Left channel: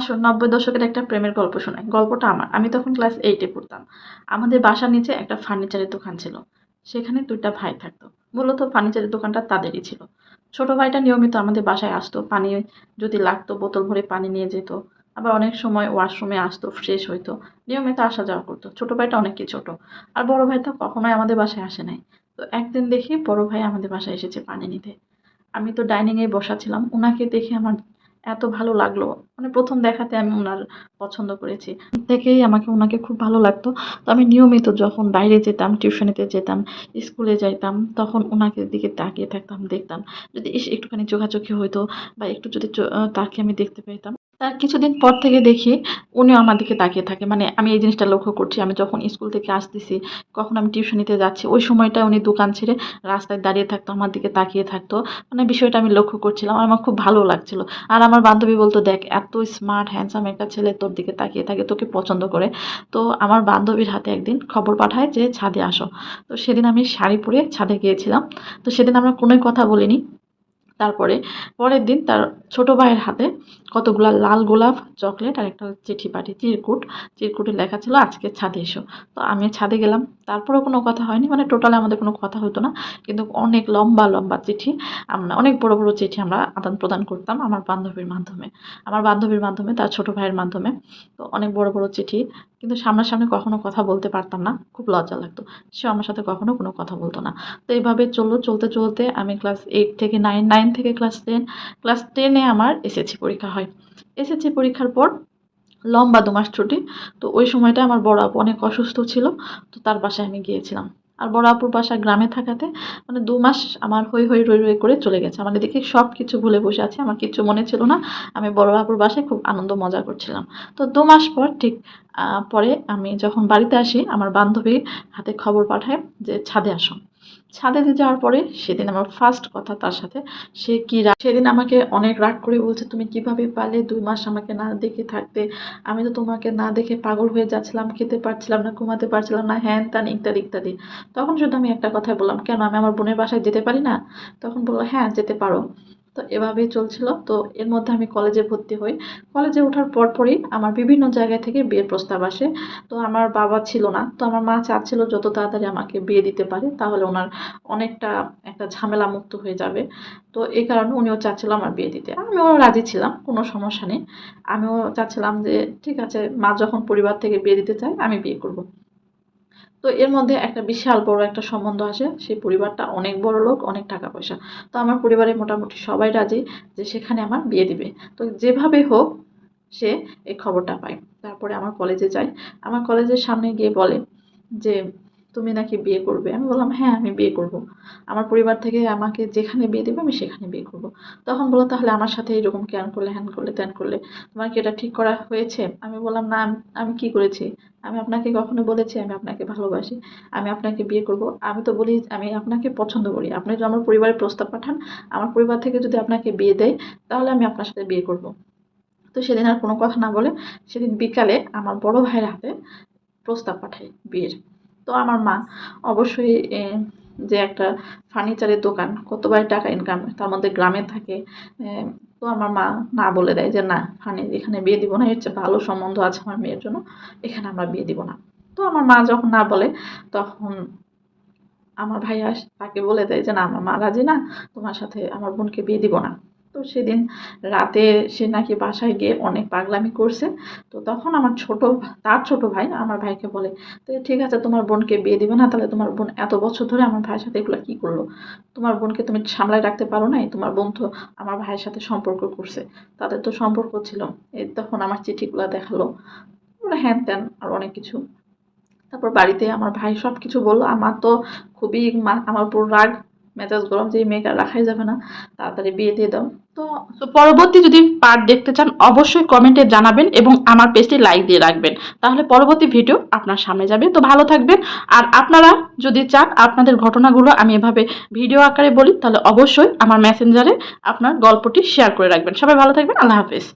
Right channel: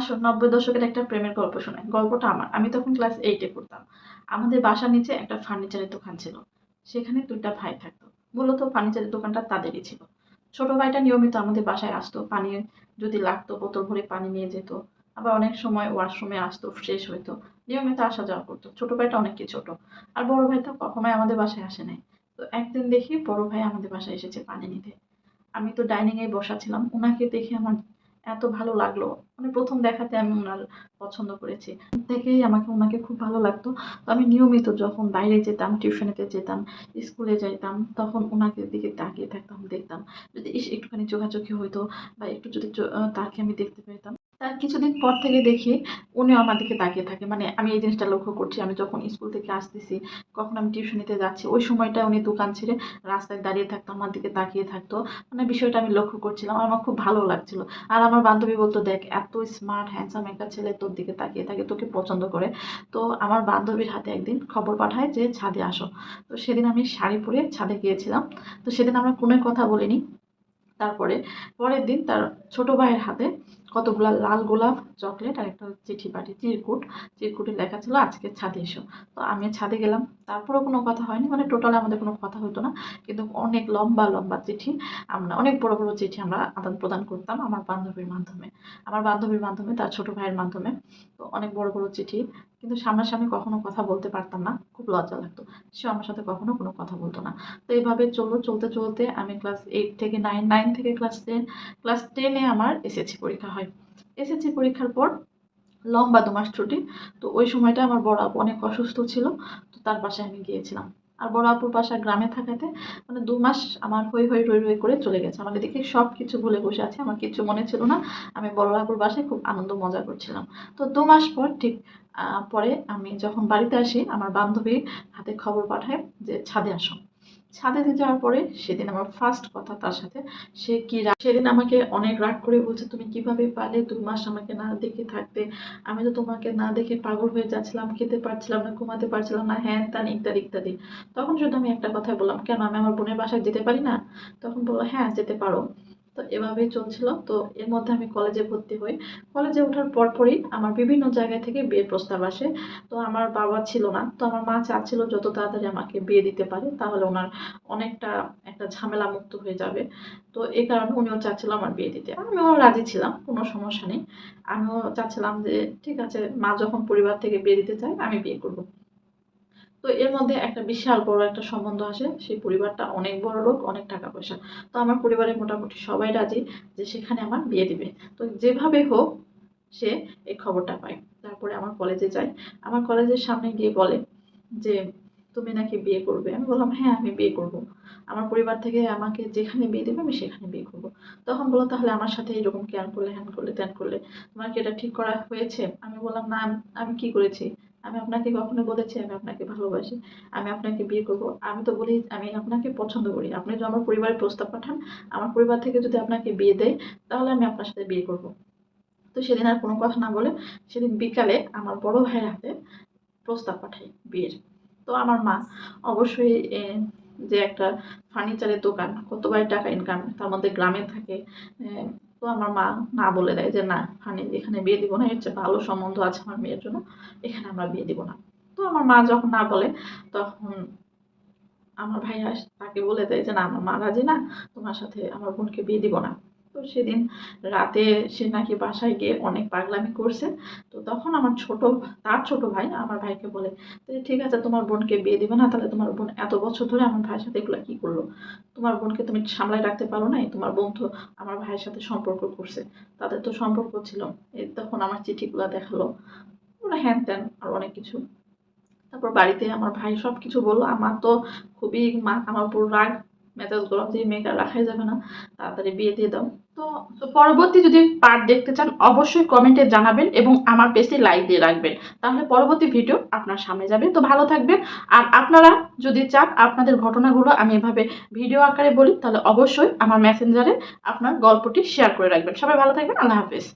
আসুন ৯০ দশকের একটা প্রেমের গল্প শোনাই। গল্পটা আমার। আমি তখন ক্লাস 8 এ পড়তাম। আমাদের বাসার নিচে একটা ফার্নিচারের দোকান ছিল। সেখানে ২ টা ভাই থাকতো। মূলত ফার্নিচারের দোকানটা তাদেরই ছিল। ছোট ভাইটা নিয়মিত আমাদের বাসায় আসতো। পানি যদি লাগতো বোতল ভরে পানি নিয়ে যেত। আবার অনেক সময় ওয়াশরুমে আসতো, ফ্রেশ হইতো। নিয়মিত আসা যাওয়া করতো। ছোট ভাইটা অনেকই ছোট। আর বড় ভাই তো কখনোই আমাদের বাসায় আসে নাই। তো একদিন দেখি বড় ভাই আমাদের বাসায় এসেছে পানি নিতে। আমি তো ডাইনিং এ বসা ছিলাম। উনাকে দেখে আমার এত ভালো লাগলো। মানে ১ম দেখাতে আমি উনার পছন্দ করেছি। দেখেই আমাকে উনাকে খুব ভালো লাগতো। তো আমি নিয়মিত যখন বাইরে যেতাম, টিউশনিতে যেতাম, স্কুলে যাইতাম, তখন উনাকে দিকে তাকিয়ে থাকতাম, দেখতাম। যদি ইস! একটুখানি চোখাচোখি হইতো বা একটু যদি তাকে আমি দেখতে পেতাম। তার কিছুদিন পর থেকে দেখি উনিও আমার দিকে তাকিয়ে থাকে। মানে আমি এই জিনিসটা লক্ষ্য করছি। আমি যখন স্কুল থেকে আসতেছি, কখন আমি টিউশনিতে যাচ্ছি, ওই সময়টায় উনি দোকান ছেড়ে রাস্তায় দাঁড়িয়ে থাকতো, আমার দিকে তাকিয়ে থাকতো। মানে বিষয়টা আমি লক্ষ্য করছিলাম। আর আমার খুব ভালো লাগছিল। আর আমার বান্ধবী বলতো, "দেখ এত স্মার্ট হ্যান্ডসাম একটা ছেলে তোর দিকে তাকিয়ে থাকে, তোকে পছন্দ করে।" তো আমার বান্ধবীর হাতে একদিন খবর পাঠায় যে ছাদে আসো। তো সেদিন আমি শাড়ি পরে ছাদে গিয়েছিলাম। তো সেদিন আমরা কোনোই কথা বলিনি। তারপরে পরের দিন তার ছোট ভাইয়ের হাতে কতগুলা লাল গোলাপ, চকলেট আর একটা চিঠি পাঠিয়ে চিরকুট। চিরকুটে লেখা ছিল, "আজকে ছাদে এসো।" তো আমি ছাদে গেলাম। তারপরেও কোনো কথা হয়নি। মানে টোটালি আমাদের কোনো কথা হতো না। কিন্তু অনেক লম্বা, লম্বা চিঠি আমরা অনেক বড়, বড় চিঠি আমরা আদান-প্রদান করতাম আমার বান্ধবীর মাধ্যমে। আমার বান্ধবীর মাধ্যমে, তার ছোট ভাইয়ের মাধ্যমে। তো অনেক বড়, বড় চিঠি। কিন্তু সামনাসামনি কখনো কথা বলতে পারতাম না। খুব লজ্জা লাগতো। সেও আমার সাথে কখনো কোনো কথা বলত না। তো এইভাবে চললো। চলতে, চলতে আমি ক্লাস 8 থেকে 9, 9 থেকে ক্লাস 10, ক্লাস 10 এ আমার এসএসসি পরীক্ষা হয়। এসএসসি পরীক্ষার পর লম্বা ২ মাস ছুটি। তো ওই সময়টা আমার বড় আপু অনেক অসুস্থ ছিল। তো তার বাসায় আমি গিয়েছিলাম। আর বড় আপুর বাসা গ্রামে থাকাতে মানে ২ মাস আমার হৈ, হৈ রই, রই করে চলে গেছে। আমার এদিকে সবকিছু ভুলে বসে আছি। আমার কিচ্ছু মনে ছিল না। আমি বড় আপুর বাসায় খুব আনন্দ মজা করছিলাম। তো ২ মাস পর ঠিক পরে আমি যখন বাড়িতে আসি, আমার বান্ধবীর হাতে খবর পাঠায় যে, "ছাদে আসো।" ছাদে যাওয়ার পরে সেদিন আমার ফার্স্ট কথা তার সাথে। সে কি সেদিন আমাকে অনেক রাগ করে বলছে, "তুমি কিভাবে পারলে ২ মাস আমাকে না দেখে থাকতে? আমি তো তোমাকে না দেখে পাগল হয়ে যাচ্ছিলাম। খেতে পারছিলাম না, ঘুমাতে পারছিলাম না, হ্যান-ত্যান ইত্যাদি, ইত্যাদি।" তখন শুধু আমি একটা কথাই বললাম, "কেন আমি আমার বোনের বাসায় যেতে পারি না?" তখন বলল, "হ্যাঁ, যেতে পারো।" তো এভাবেই চলছিল। তো এর মধ্যে আমি কলেজে ভর্তি হই। কলেজে ওঠার পরপরই আমার বিভিন্ন জায়গা থেকে বিয়ের প্রস্তাব আসে। তো আমার বাবা ছিল না। তো আমার মা চাচ্ছিল যত তাড়াতাড়ি আমাকে বিয়ে দিতে পারে, তাহলে উনার অনেকটা একটা ঝামেলা মুক্ত হয়ে যাবে। তো এই কারণে উনিও চাচ্ছিল আমার বিয়ে দিতে। আমিও রাজি ছিলাম, কোনো সমস্যা নেই। আমিও চাচ্ছিলাম যে ঠিক আছে, মা যখন পরিবার থেকে বিয়ে দিতে চায় আমি বিয়ে করব। তো এর মধ্যে একটা বিশাল বড় একটা সম্বন্ধ আসে। সেই পরিবারটা অনেক বড়লোক, অনেক টাকা পয়সা। তো আমার পরিবারের মোটামুটি সবাই রাজি যে সেখানে আমার বিয়ে দিবে। তো যেভাবে হোক সে এই খবরটা পায়। তারপরে আমার কলেজে যায়। আমার কলেজের সামনে গিয়ে বলে যে, "তুমি নাকি বিয়ে করবে?" আমি বললাম, "হ্যাঁ, আমি বিয়ে করব। আমার পরিবার থেকে আমাকে যেখানে বিয়ে দিবে আমি সেখানে বিয়ে করব।" তখন বলল, "তাহলে আমার সাথে এরকম কেন করলে, হ্যান করলে, ত্যান করলে? তোমার কি এটা ঠিক করা হয়েছে?" আমি বললাম, "না, আমি কি করেছি? আমি আপনাকে কখনো বলেছি আমি আপনাকে ভালোবাসি? আমি আপনাকে বিয়ে করব? আমি তো বলি আমি আপনাকে পছন্দ করি। আপনি যদি আমার পরিবারে প্রস্তাব পাঠান, আমার পরিবার থেকে যদি আপনাকে বিয়ে দেয়, তাহলে আমি আপনার সাথে বিয়ে করব।" তো সেদিন আর কোনো কথা না বলে সেদিন বিকালে আমার বড় ভাইয়ের হাতে প্রস্তাব পাঠাই বিয়ের। তো আমার মা অবশ্যই যে একটা ফার্নিচারের দোকান কতবার টাকা ইনকাম, তার মধ্যে গ্রামে থাকে। তো আমার মা না বলে দেয় যে, "না, এখানে বিয়ে দিব না। এর চেয়ে ভালো সম্বন্ধ আছে আমার মেয়ের জন্য। এখানে আমরা বিয়ে দিব না।" তো আমার মা যখন না বলে তখন আমার ভাইয়া তাকে বলে দেয় যে, "না, আমার মা রাজি না। তোমার সাথে আমার বোনকে বিয়ে দিব না।" তো সেদিন রাতে সে নাকি বাসায় গিয়ে অনেক পাগলামি করছে। তো তখন আমার তার ছোট ভাই আমার ভাইকে বলে, "তো ঠিক আছে, তোমার বোনকে বিয়ে দিবে না, তাহলে তোমার বোন এত বছর ধরে আমার ভাইয়ের সাথে এগুলা কি করলো? তোমার বোনকে তুমি সামলায় রাখতে পারো নাই? তোমার বোন তো আমার ভাইয়ের সাথে সম্পর্ক করছে। তাদের তো সম্পর্ক ছিল।" তখন আমার চিঠিগুলা দেখালো। হ্যান-ত্যান আরো অনেক কিছু। তারপর বাড়িতে আমার ভাই সবকিছু বলল। আমার তো খুবই আমার উপর রাগ, মেজাজ গরম যে এই মেয়েকে রাখাই যাবে না। তাড়াতাড়ি বিয়ে দিয়ে দাও। তো তো পরবর্তী যদি পার্ট দেখতে চান অবশ্যই কমেন্টে জানাবেন এবং আমার পেজটি লাইক দিয়ে রাখবেন। তাহলে পরবর্তী ভিডিও আপনার সামনে যাবে। তো ভালো থাকবেন। আর আপনারা যদি চান আপনাদের ঘটনাগুলো আমি এভাবে ভিডিও আকারে বলি, তাহলে অবশ্যই আমার মেসেঞ্জারে আপনার গল্পটি শেয়ার করে রাখবেন। সবাই ভালো থাকবেন। আল্লাহ হাফেজ।